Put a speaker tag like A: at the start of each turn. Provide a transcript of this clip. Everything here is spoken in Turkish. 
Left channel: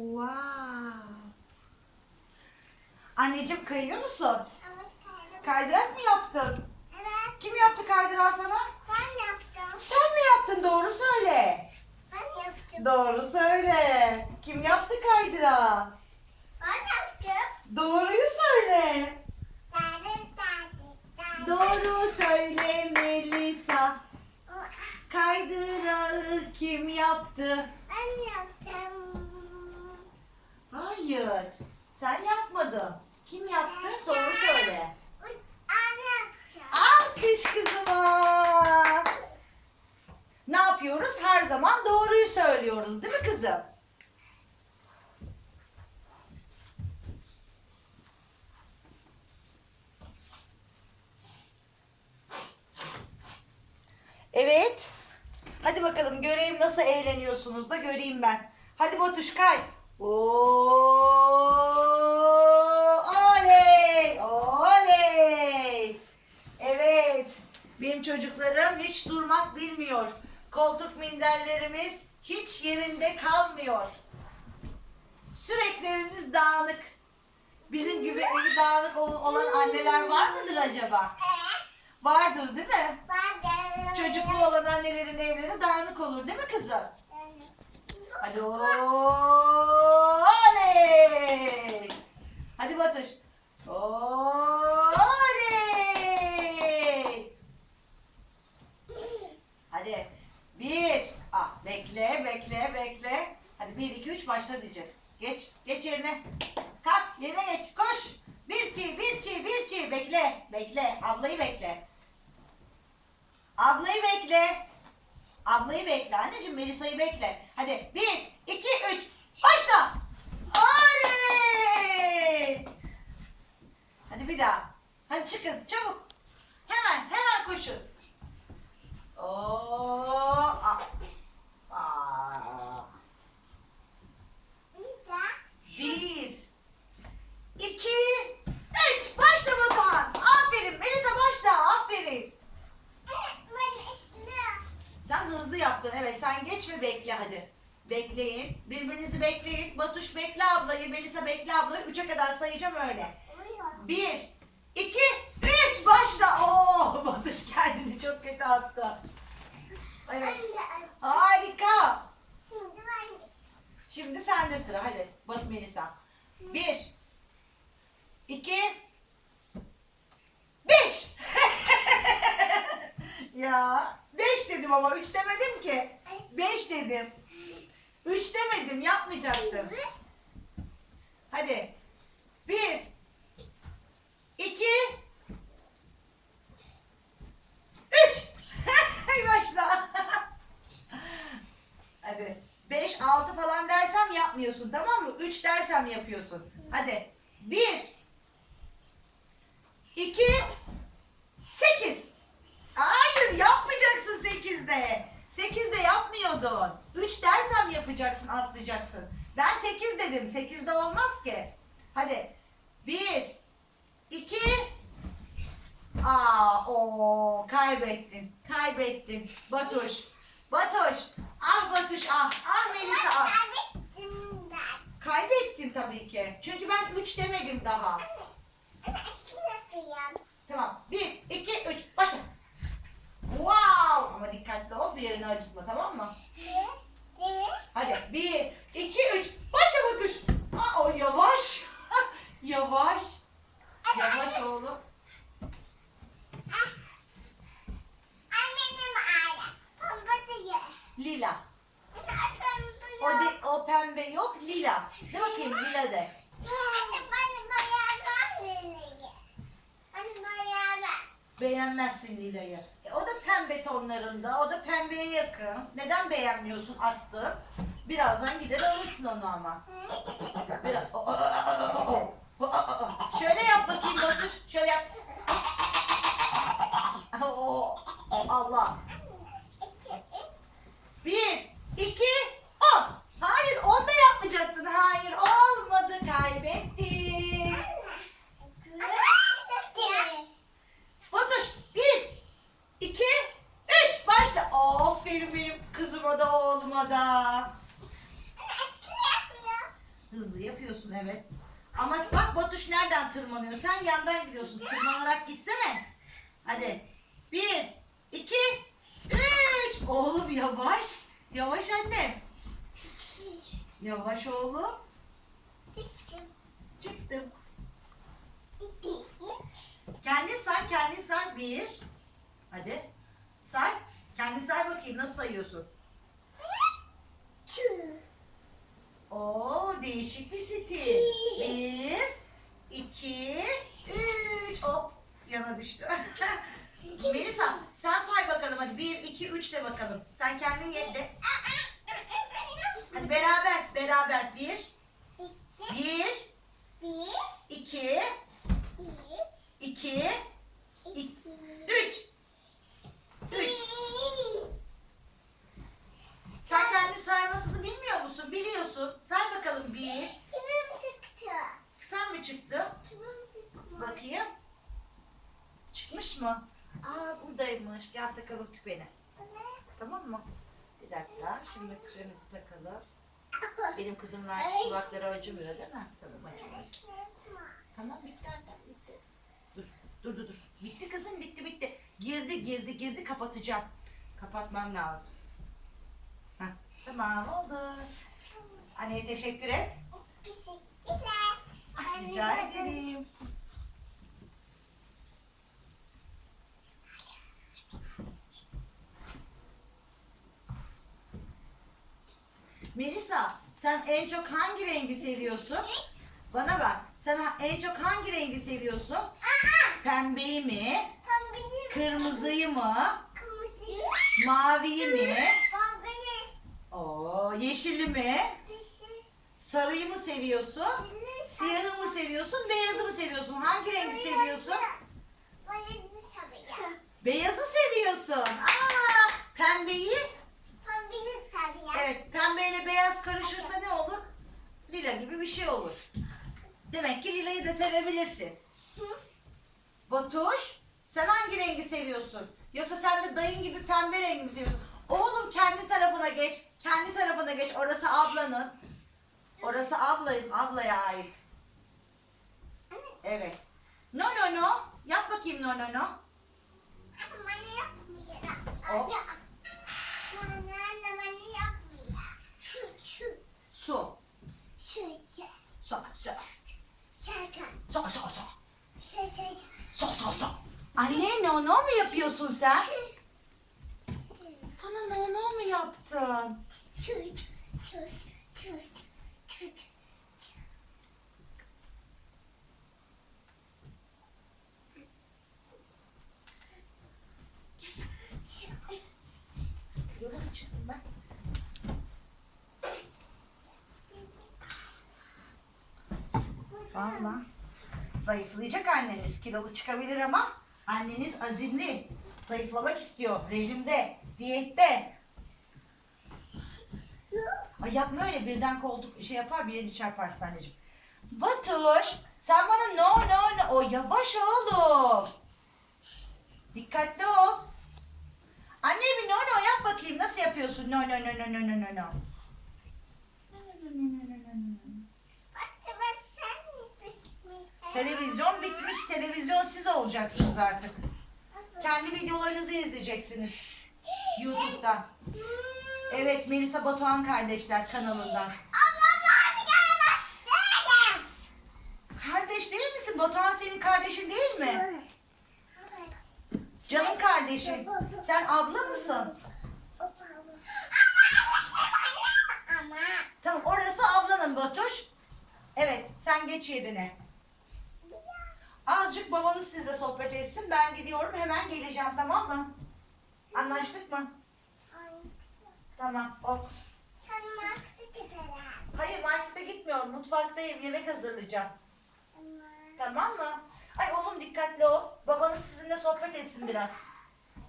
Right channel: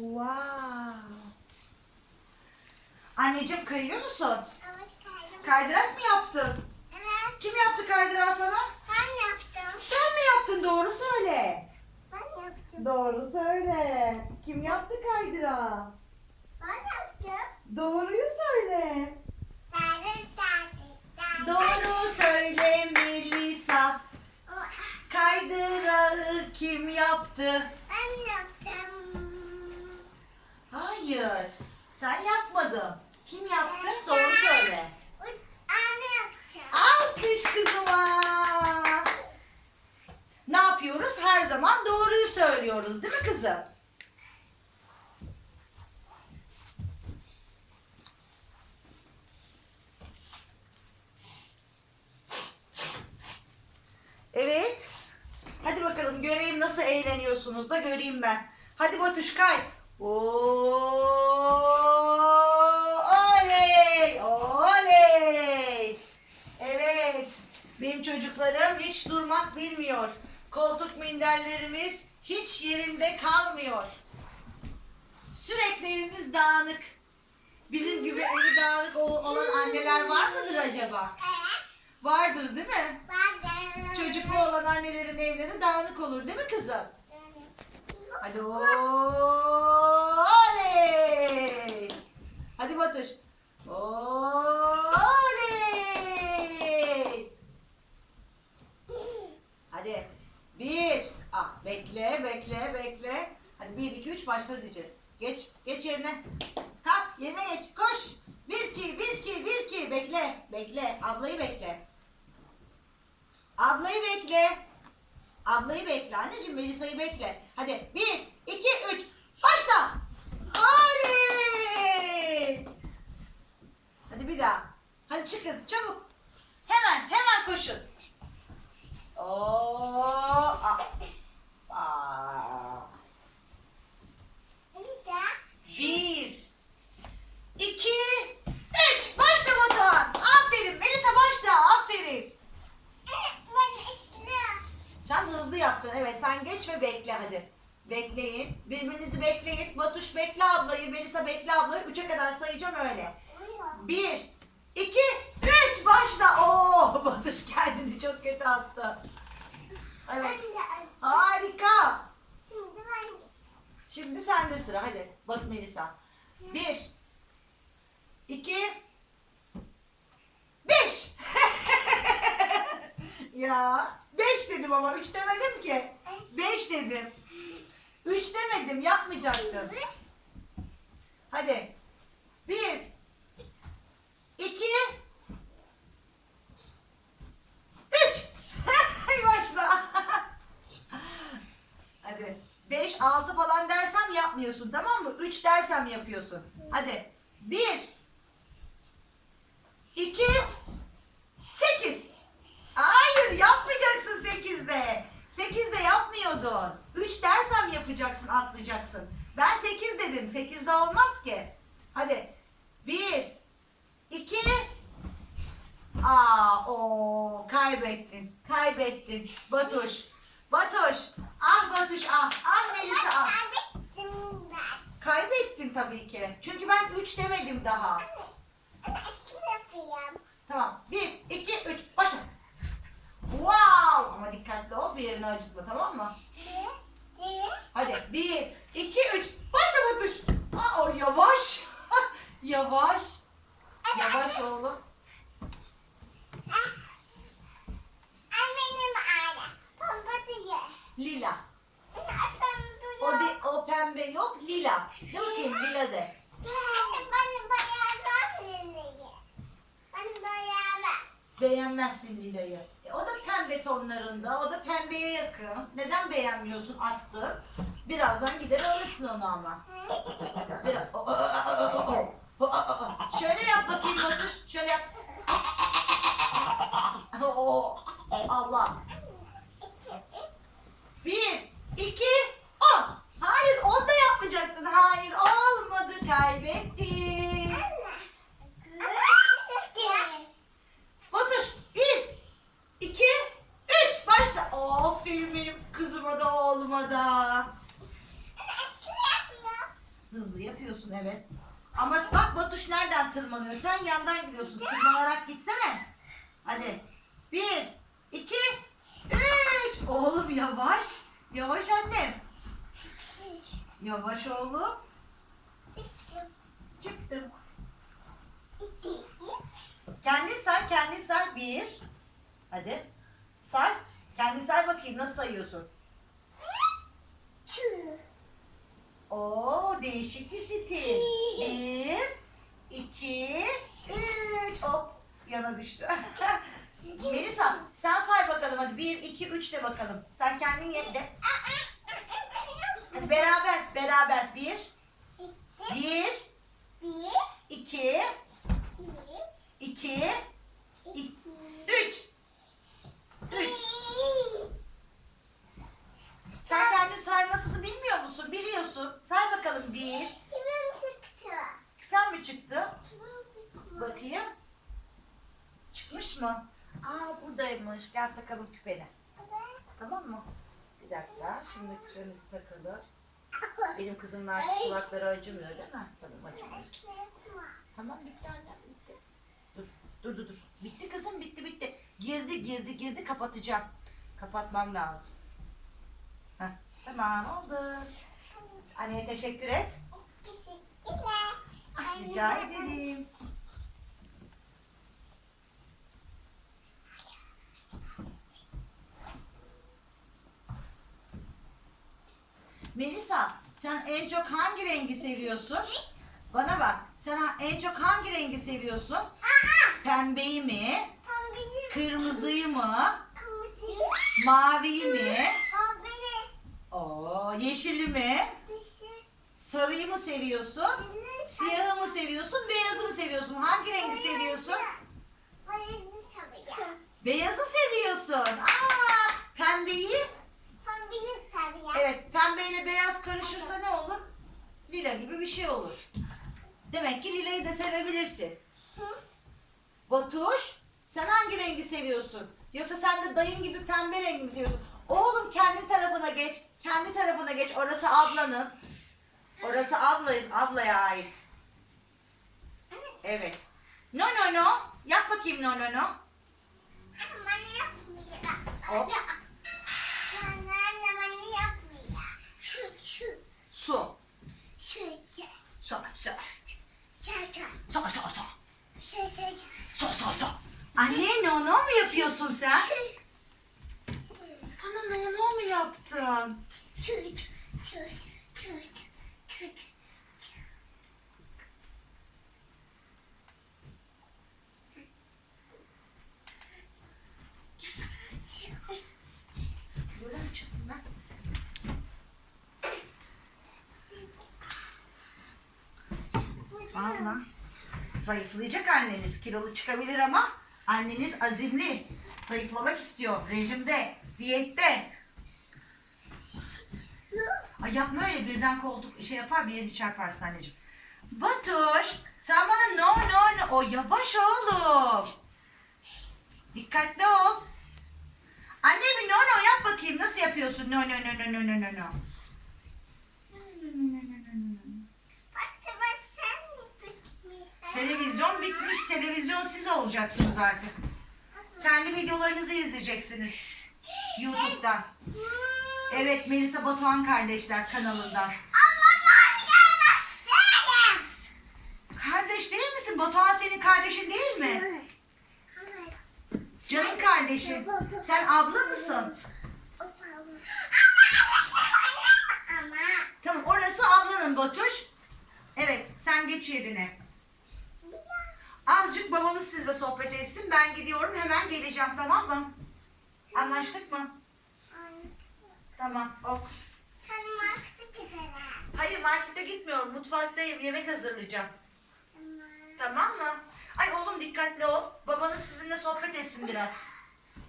A: Wow. Anneciğim kayıyor musun?
B: Evet kaydım.
A: Kaydırak mı yaptın?
B: Evet
A: Kim yaptı kaydırağı sana?
B: ben yaptım.
A: Sen mi yaptın? Doğru söyle.
B: Ben yaptım.
A: Doğru söyle. Kim yaptı kaydırağı?
B: Ben yaptım.
A: Doğruyu söyle.
B: Derdim derdim. derdim.
A: Doğru söyle Melisa. Kaydırağı kim yaptı?
B: Ben yaptım.
A: Hayır. Sen yapmadın. Kim yaptı? Doğru söyle.
B: Anne.
A: Alkış kızıma. Ne yapıyoruz? Her zaman doğruyu söylüyoruz değil mi kızım? Evet. Hadi bakalım göreyim nasıl eğleniyorsunuz da göreyim ben. Hadi Batuş kay. Oo, oley, oley. Evet. Benim çocuklarım hiç durmak bilmiyor. Koltuk minderlerimiz hiç yerinde kalmıyor. Sürekli evimiz dağınık. Bizim gibi evi dağınık ol- olan anneler var mıdır acaba? Vardır değil mi?
B: De-
A: Çocuklu olan annelerin evleri dağınık olur değil mi kızım? Hadi oley. Hadi Batuş. Oley. Hadi. Bir. Ah, bekle, bekle, bekle. Hadi bir, iki, üç başla diyeceğiz. Geç, geç yerine. Kalk, yerine geç. Koş. Bir, iki, bir, iki, bir, iki. Bekle, bekle. Ablayı bekle. Ablayı bekle. Ablayı bekle. Anneciğim Melisa'yı bekle. Hadi bir, iki, üç. Başla. Oley. Hadi bir daha. Hadi çıkın çabuk. Hemen hemen koşun. Oo. Aa. Aa.
B: Bir de
A: Bir. iki, Üç. Başla Batuhan. Aferin. Melisa başla. Aferin.
B: ben istiyorum.
A: Sen hızlı Evet sen geç ve bekle hadi. Bekleyin. Birbirinizi bekleyin. Batuş bekle ablayı. Melisa bekle ablayı. Üçe kadar sayacağım öyle. Bir, iki, üç. Başla. Oo, Batuş kendini çok kötü attı. Evet. Harika.
B: Şimdi ben
A: Şimdi sende sıra. Hadi Bat Melisa. Bir, iki, beş. Ya beş dedim ama üç demedim ki. Beş dedim. Üç demedim yapmayacaktım. Hadi. Bir, iki, üç. Başla. Hadi. 5, 6 falan dersem yapmıyorsun tamam mı? 3 dersem yapıyorsun. Hadi. 1 2 8 Hayır yapmayacaksın 8'de. 8'de yapmıyordun. 3 dersem yapacaksın atlayacaksın. Ben 8 dedim. 8'de olmaz ki. Hadi. 1 2 Aa, o kaybettin. Kaybettin. Batuş. Batuş. Ah Batuş ah. Ah Melisa ah.
B: kaybettim ben.
A: Kaybettin tabii ki. Çünkü ben 3 demedim daha.
B: Ben eski yapıyorum.
A: Tamam. 1, 2, 3. Başla. Wow. Ama dikkatli ol. Bir yerini acıtma tamam mı?
B: Bir, bir,
A: Hadi. 1, 2, 3. Başla Batuş. Aa, o yavaş. yavaş. Yavaş oğlum.
B: Annenin aile. Pompası ye.
A: Lila. O, de, o pembe yok. Lila. De bakayım lila de. Beğenmezsin Lila'yı. O da pembe tonlarında. O da pembeye yakın. Neden beğenmiyorsun attın? Birazdan gider alırsın onu ama. Şöyle yap bakayım Batuş. Şöyle yap. Oo, Allah. Bir, iki, on. Hayır onu da yapmayacaktın. Hayır olmadı kaybettin. Batuş bir, iki, üç. Başla. Aferin benim kızıma da oğluma da. Yapıyorsun evet. Ama bak Batuş nereden tırmanıyor? Sen yandan gidiyorsun. Tırmanarak gitsene. Hadi. Bir, iki, üç. Oğlum yavaş. Yavaş annem. Yavaş oğlum. Çıktım. Kendin say, kendin say. Bir. Hadi. Say. Kendin say bakayım nasıl sayıyorsun. Oo değişik bir stil. Bir, iki, üç. Hop yana düştü. Melisa sen say bakalım hadi. Bir, iki, üç de bakalım. Sen kendin ye de. Hadi beraber, beraber. Bir, bir, iki, iki, iki üç. Üç. Sen kendi saymasını bilmiyor musun? Biliyorsun. Say bakalım bir. Küpen mi çıktı? Bakayım. Çıkmış mı? Aa buradaymış. Gel takalım küpeni. Tamam mı? Bir dakika. Şimdi küpemizi takalım. Benim kızımlar kulakları acımıyor değil mi? Tamam acımıyor. Tamam bitti annem bitti. Dur dur dur dur. Bitti kızım bitti bitti. Girdi girdi girdi kapatacağım. Kapatmam lazım. Heh, tamam oldu. Anneye teşekkür et. Ah, rica ederim. Melisa, sen en çok hangi rengi seviyorsun? Bana bak, sen en çok hangi rengi seviyorsun? Pembeyi mi? Kırmızıyı mı? Maviyi mi? Oo, yeşili mi? Sarıyı mı seviyorsun? Siyahı mı seviyorsun? Beyazı mı seviyorsun? Hangi rengi seviyorsun? Beyazı seviyorsun. Aa, pembeyi? Evet, pembeyle beyaz karışırsa ne olur? Lila gibi bir şey olur. Demek ki lilayı da sevebilirsin. Batuş, sen hangi rengi seviyorsun? Yoksa sen de dayın gibi pembe rengi mi seviyorsun? Oğlum kendi tarafına geç. Kendi tarafına geç. Orası ablanın. Orası ablayın, ablaya ait. Evet. No no no. Yap bakayım no no no. Hop. Su. Su, su. Su, su, su. Su, su, su. Anne no no mu yapıyorsun sen? Bana no no mu yaptın? Yola mı çıktım ben? Valla. Zayıflayacak anneniz. Kilolu çıkabilir ama anneniz azimli. Zayıflamak istiyor. Rejimde, diyette. Ay yapma öyle birden koltuk şey yapar bir yerini çarparsın anneciğim. Batuş sen bana no no no. O yavaş oğlum. Dikkatli ol. Anne bir no no yap bakayım. Nasıl yapıyorsun? No no no no no no no Televizyon bitmiş. Televizyon siz olacaksınız artık. Kendi videolarınızı izleyeceksiniz. YouTube'dan. Evet Melisa Batuhan kardeşler kanalından. Kardeş değil misin? Batuhan senin kardeşin değil mi? Canım kardeşin. Sen abla mısın? Tamam orası ablanın Batuş. Evet sen geç yerine. Azıcık babanız sizle sohbet etsin. Ben gidiyorum hemen geleceğim tamam mı? Anlaştık mı? Tamam ok. Hayır markete gitmiyorum. Mutfaktayım. Yemek hazırlayacağım. Tamam mı? Ay oğlum dikkatli ol. Babanız sizinle sohbet etsin biraz.